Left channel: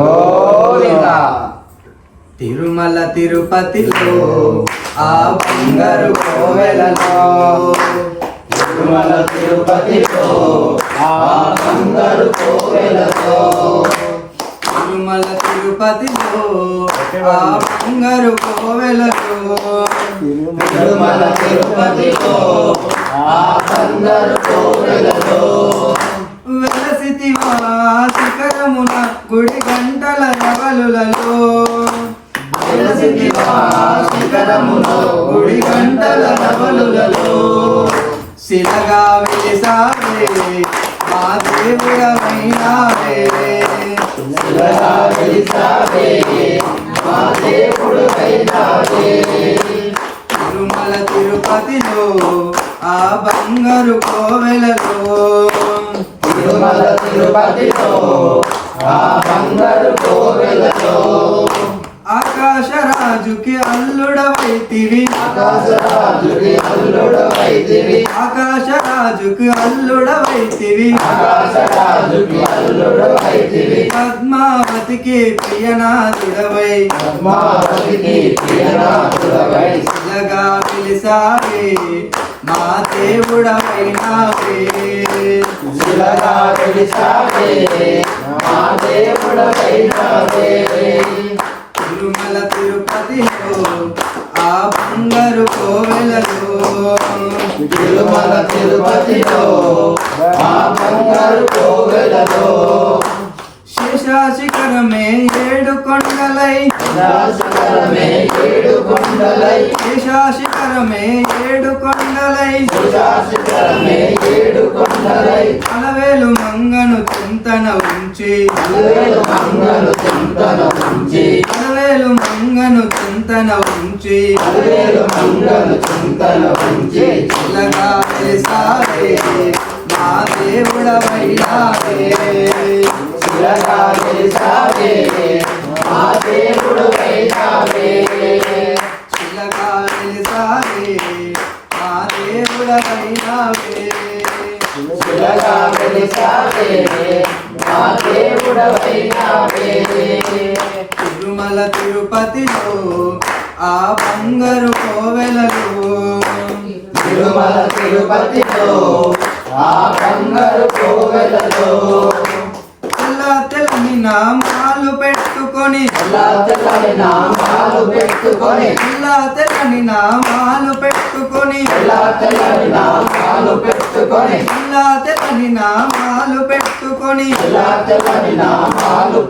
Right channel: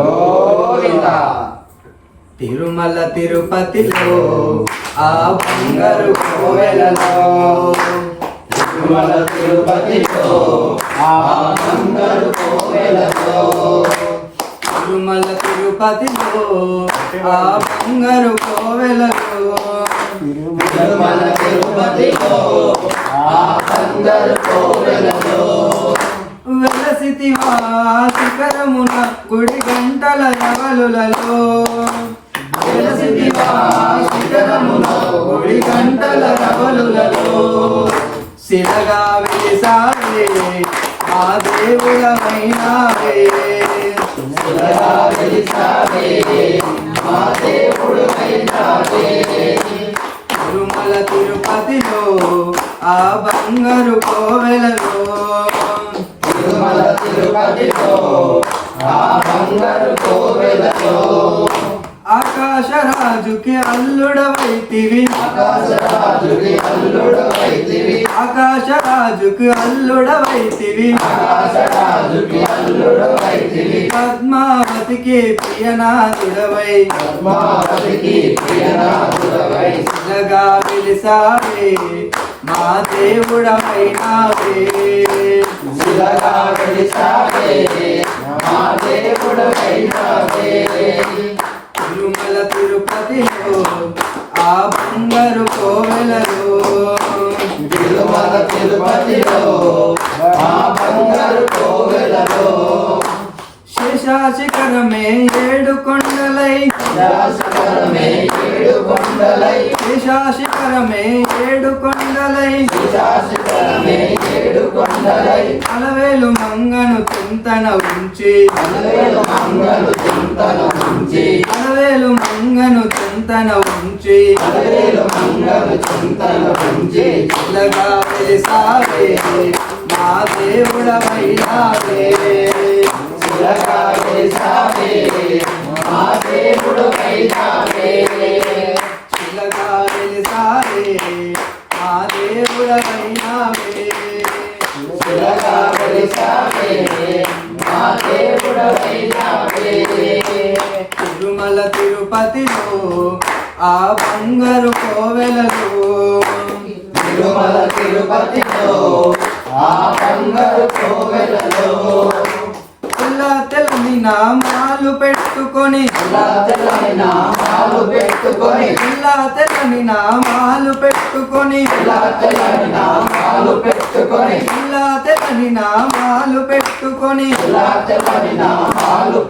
గోవింద. తిరుమల తిరుపతిలో ఆ బంగారు కోవెలలో, తిరుమల తిరుపతిలో ఆ బంగారు కోవెలలో, తిరుమల తిరుపతిలో ఆ బంగారు కోవెలలో, తిరుమల తిరుపతిలో ఆ బంగారు కోవెలలో, వెలసితివా శిఖరమున గుడి గంటల రవలులలో, వెలసితివా శిఖరమున గుడి గంటల రవలులలో, శిలగా వెలిసావే మా దేవుడవైనావే, శిలగా వెలిసావే మా దేవుడవైనావే. తిరుమల తిరుపతిలో ఆ బంగారు కోవెలలో, తిరుమల తిరుపతిలో ఆ బంగారు కోవెలలో, ఆకాశరాజుకి అల్లుడవైతివి, ఆకాశరాజుకి అల్లుడవైతివి, ఆకాశరాజుకి అల్లుడవైతివి, ఆకాశరాజుకి అల్లుడవైతివి, పద్మావతికి ప్రియనాథుడవై, పద్మావతికి ప్రియనాథుడవై, శిలగా వెలిసావే మా దేవుడవైనావే, శిలగా వెలిసావే మా దేవుడవైనావే. తిరుమల తిరుపతిలో ఆ బంగారు కోవెలలో, తిరుమల తిరుపతిలో ఆ బంగారు కోవెలలో, శేషాశిఖరమే ఏడు కొండలై, శిఖరమే ఏడు కొండలై, శేషాశిఖరమే ఏడు కొండలై, శిఖరమే ఏడు కొండలై, అలవేలు మంగను చింతన ఉంచి, అలవేలు మంగళ చింతన ఉంచి, అలవేలు మంగను చింతన ఉంచి, అలవేలు మంగళ చింతన ఉంచి, ఇలాగా వెలిసావే మా దేవుడవైనావే, శిలగా వెలిసావే మా దేవుడవైనావే, ఇలాగా వెలిసావే మా దేవుడవైనావే, శిలగా వెలిసావే మా దేవుడవైనావే. తిరుమల తిరుపతిలో ఆ బంగారు కోవెలలో, తిరుమల తిరుపతిలో ఆ బంగారు కోవెలలో, తెల్లని నామాలు పెట్టుకొని, తెల్లని నామాలు పెట్టుకొని, తెల్లని నామాలు పెట్టుకొని, తెల్లని నామాలు పెట్టుకొని, తెల్లని నామాలు పెట్టుకొని, తెల్లని నామాలు